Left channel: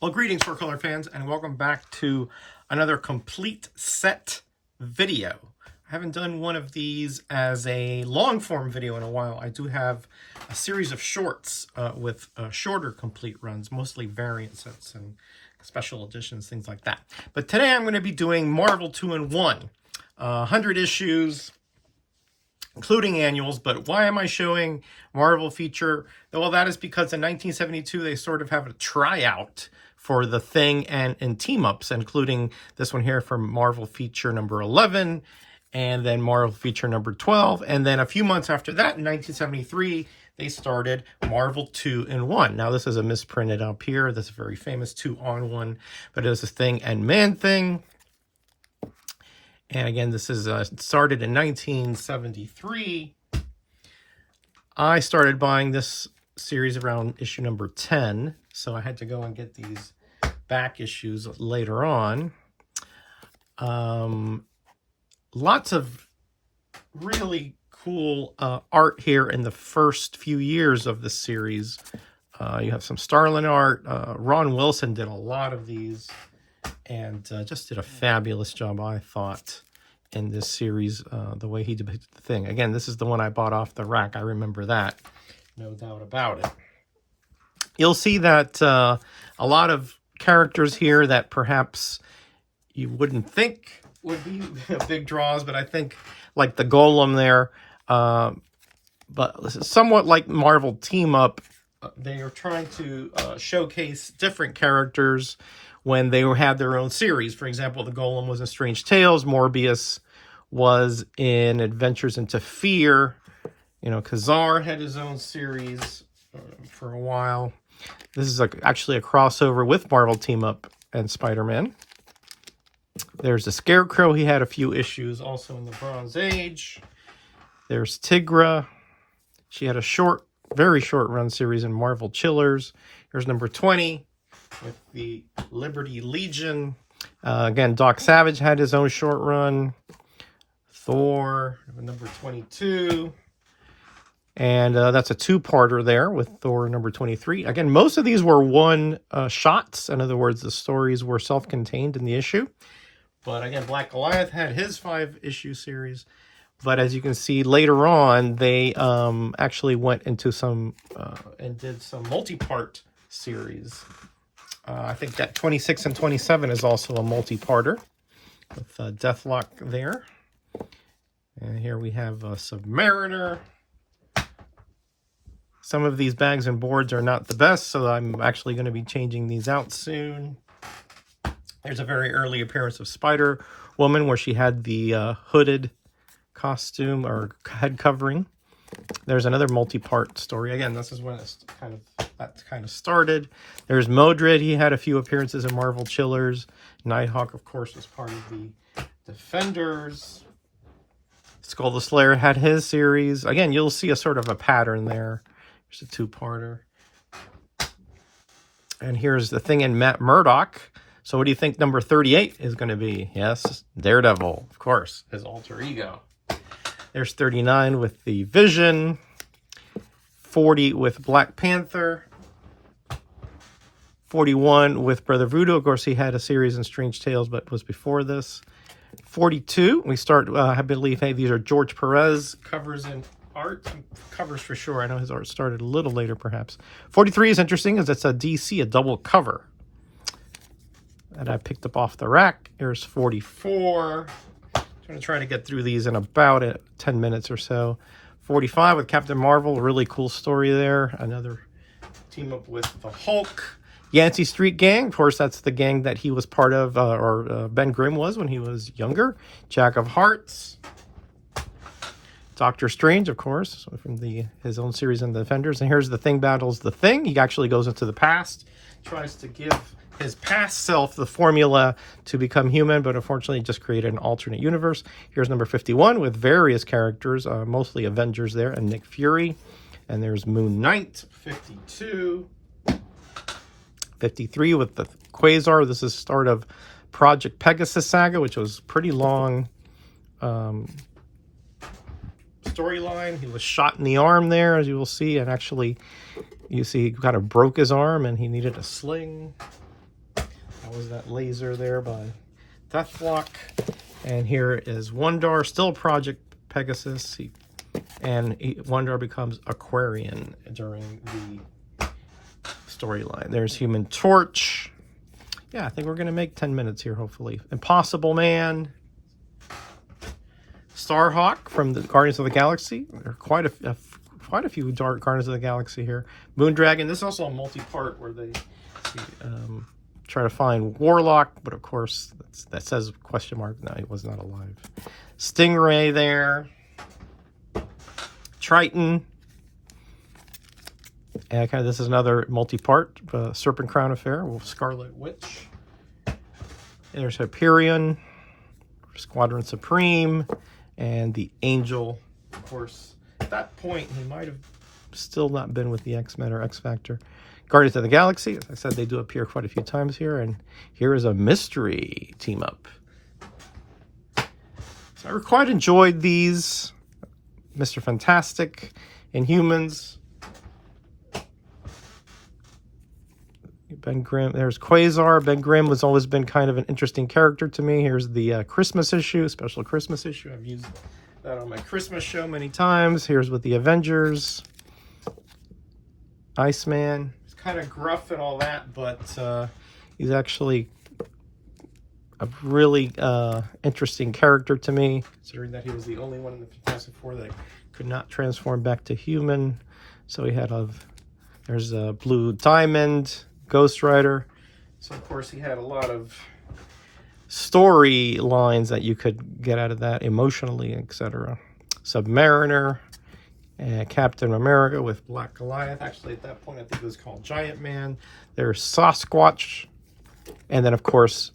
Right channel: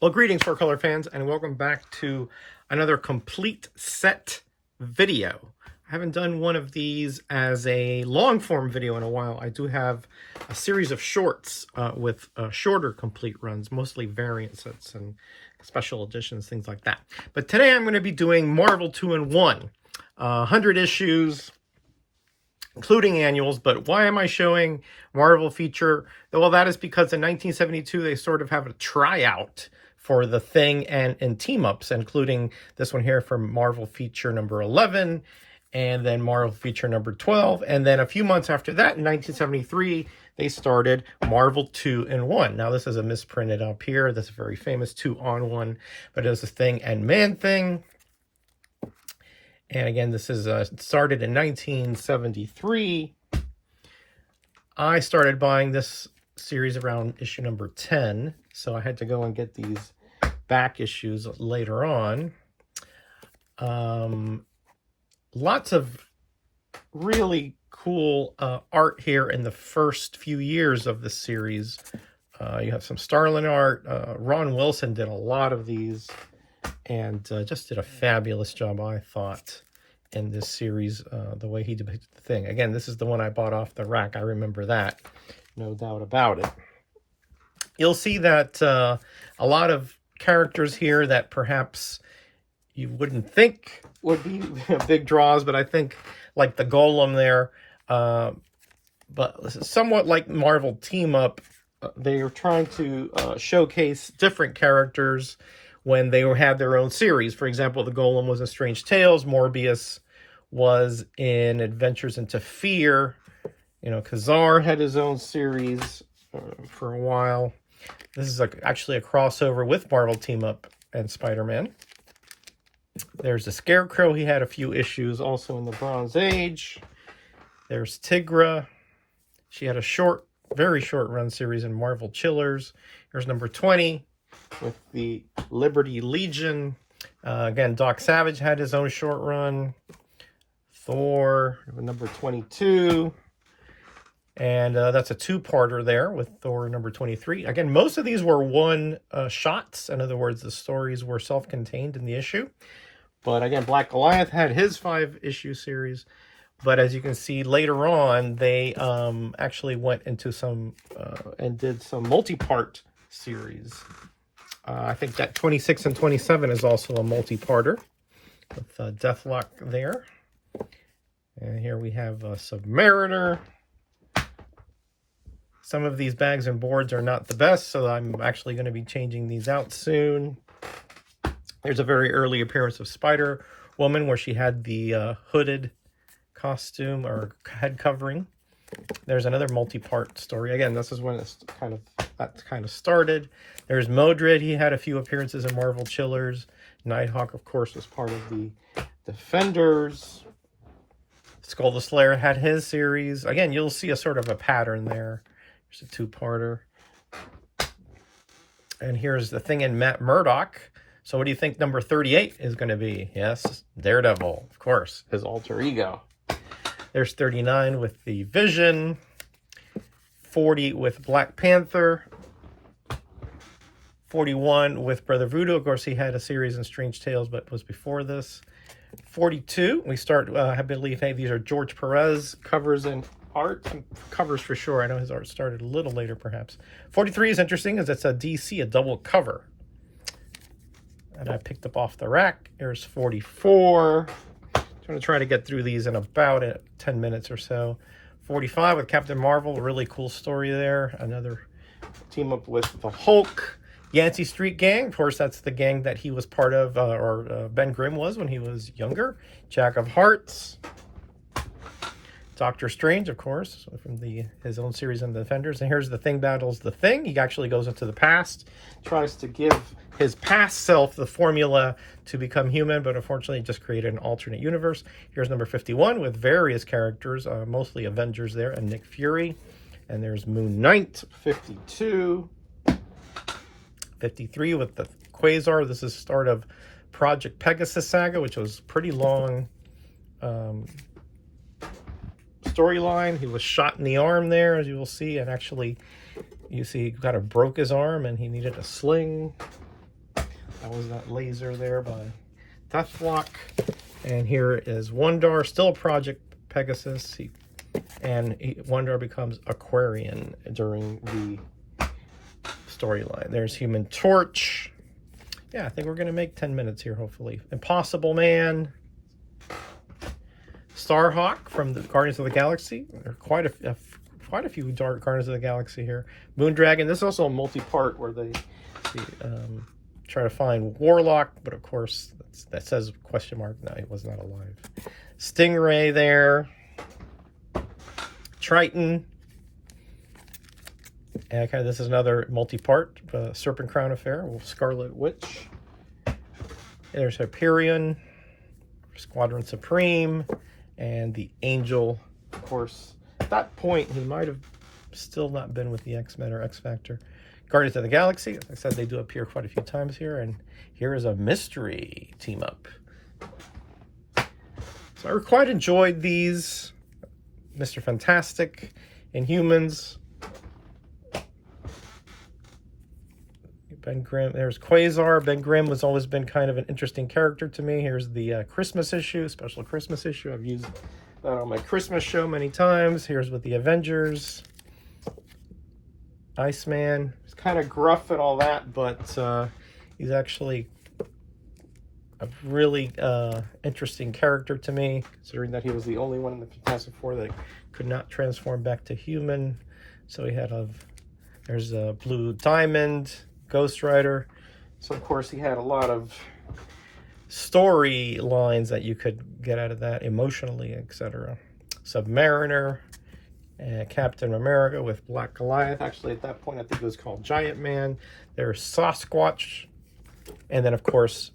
Well, greetings, Four Color fans, and welcome back to another complete set video. I haven't done one of these as a long-form video in a while. I do have a series of shorts with shorter complete runs, mostly variant sets and special editions, things like that. But today I'm going to be doing Marvel 2-in-1, 100 issues, including annuals. But why am I showing Marvel feature? Well, that is because in 1972 they sort of have a tryout for the Thing and team-ups, including this one here from Marvel feature number 11, and then Marvel feature number 12. And then a few months after that, in 1973, they started Marvel 2-in-1. Now, this is a misprinted up here. This is very famous 2-on-1, but it was a Thing and Man-Thing. And again, this is started in 1973. I started buying this series around issue number 10, so I had to go and get these back issues later on. Lots of really cool art here in the first few years of the series. You have some Starlin art. Ron Wilson did a lot of these and just did a fabulous job, I thought, in this series, the way he depicted the Thing. Again, this is the one I bought off the rack. I remember that, no doubt about it. You'll see that a lot of characters here that perhaps you wouldn't think would be big draws, but I think like the Golem there, but this is somewhat like Marvel Team Up. They are trying to showcase different characters when they had their own series. For example, the Golem was in Strange Tales, Morbius was in Adventures into Fear. You know, Kazar had his own series for a while. This is actually a crossover with Marvel Team Up and Spider-Man. There's the Scarecrow. He had a few issues also in the Bronze Age. There's Tigra. She had a very short run series in Marvel Chillers. Here's number 20 with the Liberty Legion. Again, Doc Savage had his own short run. Thor, number 22. And that's a two-parter there with Thor number 23. Again, most of these were one-shots. In other words, the stories were self-contained in the issue. But again, Black Goliath had his 5-issue series. But as you can see later on, they actually went into some and did some multi-part series. I think that 26 and 27 is also a multi-parter with Deathlock there. And here we have Submariner. Some of these bags and boards are not the best, so I'm actually going to be changing these out soon. There's a very early appearance of Spider-Woman where she had the hooded costume or head covering. There's another multi-part story. Again, this is when it's kind of started. There's Modred. He had a few appearances in Marvel Chillers. Nighthawk, of course, was part of the Defenders. Skull the Slayer had his series. Again, you'll see a sort of a pattern there. Here's a two-parter. And here's the Thing and Matt Murdock. So what do you think number 38 is going to be? Yes, Daredevil, of course, his alter ego. There's 39 with the Vision. 40 with Black Panther. 41 with Brother Voodoo. Of course, he had a series in Strange Tales, but it was before this. 42, we start, I believe, hey, these are George Perez covers and art. Covers for sure. I know his art started a little later, perhaps. 43 is interesting, as it's a DC, a double cover that I picked up off the rack. Here's 44. I'm going to try to get through these in about 10 minutes or so. 45 with Captain Marvel, a really cool story there. Another team up with the Hulk. Yancey Street Gang, of course, that's the gang that he was part of, or Ben Grimm was when he was younger. Jack of Hearts. Doctor Strange, of course, from his own series in the Defenders. And here's the Thing battles the Thing. He actually goes into the past, tries to give his past self the formula to become human, but unfortunately just created an alternate universe. Here's number 51 with various characters, mostly Avengers there, and Nick Fury. And there's Moon Knight, 52. 53 with the Quasar. This is the start of Project Pegasus saga, which was pretty long storyline. He was shot in the arm there, as you will see, and actually you see he kind of broke his arm and he needed a sling. That was that laser there by Deathlock. And here is Wondar, still Project Pegasus. Wondar becomes Aquarian during the storyline. There's Human Torch. Yeah, I think we're going to make 10 minutes here, hopefully. Impossible Man. Starhawk from the Guardians of the Galaxy. There are quite a few Guardians of the Galaxy here. Moondragon. This is also a multi-part where they try to find Warlock, but of course that says question mark. No, he was not alive. Stingray there. Triton. And this is another multi-part Serpent Crown affair with Scarlet Witch. There's Hyperion, Squadron Supreme, and the Angel. Of course, at that point, he might have still not been with the X-Men or X-Factor. Guardians of the Galaxy, as I said, they do appear quite a few times here, and here is a mystery team-up. So I quite enjoyed these. Mr. Fantastic, Inhumans. Ben Grimm, there's Quasar. Ben Grimm has always been kind of an interesting character to me. Here's the Christmas issue, special Christmas issue. I've used that on my Christmas show many times. Here's with the Avengers. Iceman. He's kind of gruff and all that, but he's actually a really interesting character to me, considering that he was the only one in the Fantastic Four that could not transform back to human. So he had there's a Blue Diamond, Ghost Rider. So of course he had a lot of story lines that you could get out of that emotionally, etc. Submariner, and Captain America with Black Goliath. Actually, at that point, I think it was called Giant Man. There's Sasquatch, and then of course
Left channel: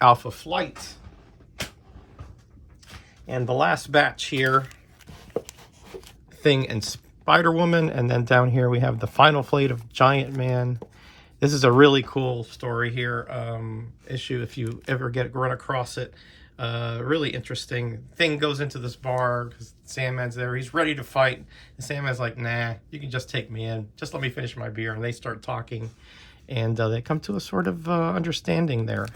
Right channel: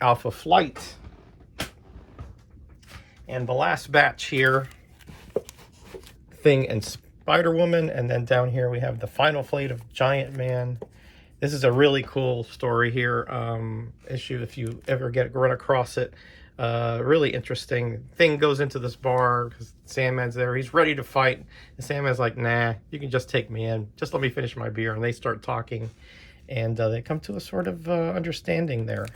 Alpha Flight. And the last batch here, Thing and Spider-Woman, and then down here we have the final flight of Giant Man. This is a really cool story here, issue if you ever run across it. Really interesting. Thing goes into this bar because Sandman's there. He's ready to fight. And Sandman's like, nah, you can just take me in. Just let me finish my beer. And they start talking. And they come to a sort of understanding there.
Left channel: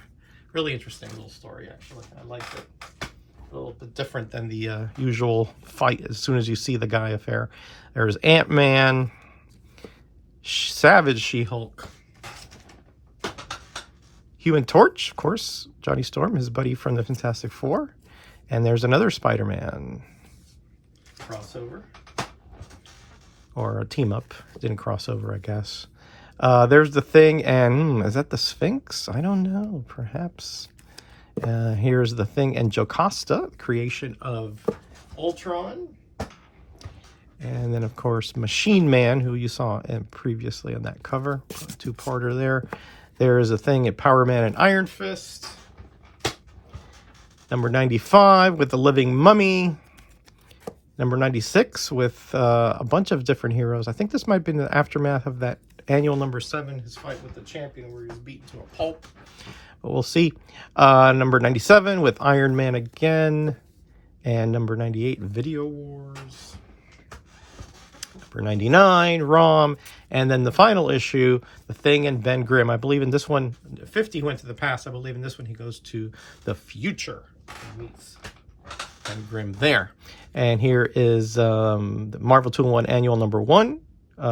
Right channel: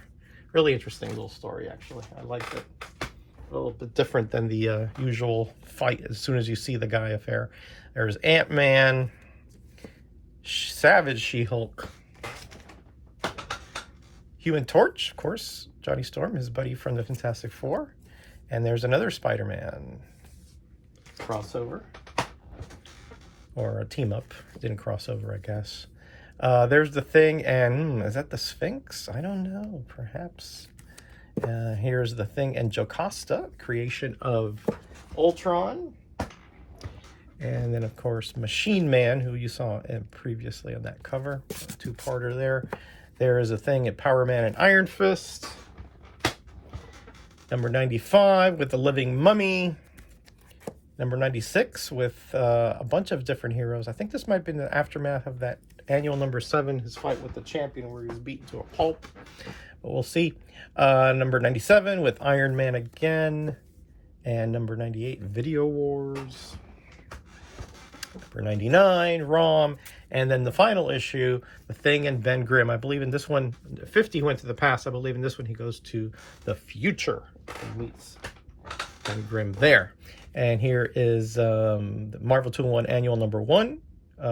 Really interesting little story, actually. I like it. A little bit different than the usual fight as soon as you see the guy affair. There's Ant-Man, Savage She-Hulk, Human Torch, of course, Johnny Storm, his buddy from the Fantastic Four. And there's another Spider-Man crossover. Or a team-up. Didn't cross over, I guess. There's the Thing, and is that the Sphinx? I don't know, perhaps. Here's the Thing and Jocasta, creation of Ultron. And then, of course, Machine Man, who you saw previously on that cover. A two-parter there. There's a Thing at Power Man and Iron Fist. Number 95 with the Living Mummy. Number 96 with a bunch of different heroes. I think this might have been the aftermath of that annual number 7, his fight with the Champion, where he was beaten to a pulp. But we'll see. Number 97 with Iron Man again. And number 98, Video Wars. Number 99, ROM. And then the final issue, The Thing and Ben Grimm. I believe in this one, 50 went to the past. I believe in this one he goes to the future and meets Ben Grimm there. And here is the Marvel 2-in-1 Annual number 1,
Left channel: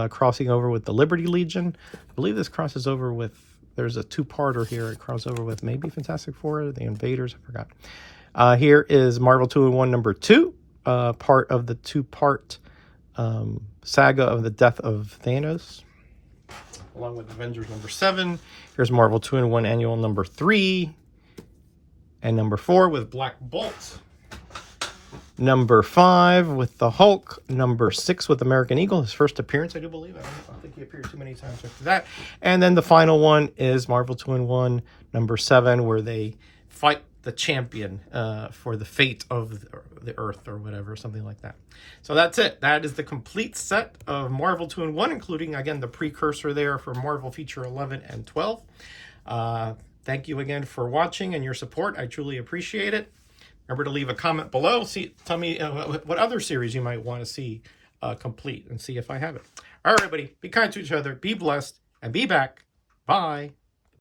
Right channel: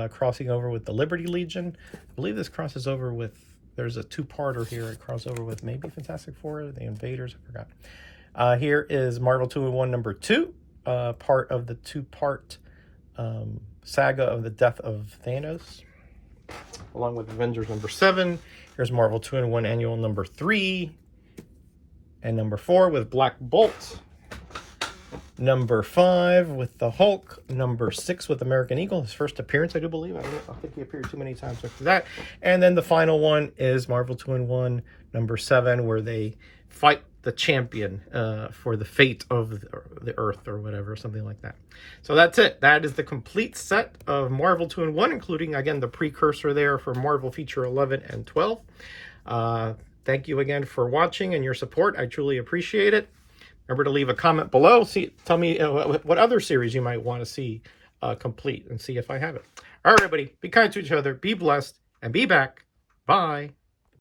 crossing over with the Liberty Legion. I believe this crosses over with, there's a two-parter here. It crosses over with maybe Fantastic Four, the Invaders, I forgot. Here is Marvel 2-in-1 number 2, part of the two-part saga of the death of Thanos, along with Avengers number 7. Here's Marvel 2-in-1 Annual number 3 and number 4 with Black Bolt. Number 5 with the Hulk. Number 6 with American Eagle, his first appearance, I do believe. I don't think he appeared too many times after that. And then the final one is Marvel 2-in-1 number 7, where they fight the Champion for the fate of the Earth or whatever, something like that. So that's it. That is the complete set of Marvel 2-in-1, including, again, the precursor there for Marvel Feature 11 and 12. Thank you again for watching and your support. I truly appreciate it. Remember to leave a comment below. Tell me what other series you might want to see complete and see if I have it. All right, everybody. Be kind to each other. Be blessed. And be back. Bye.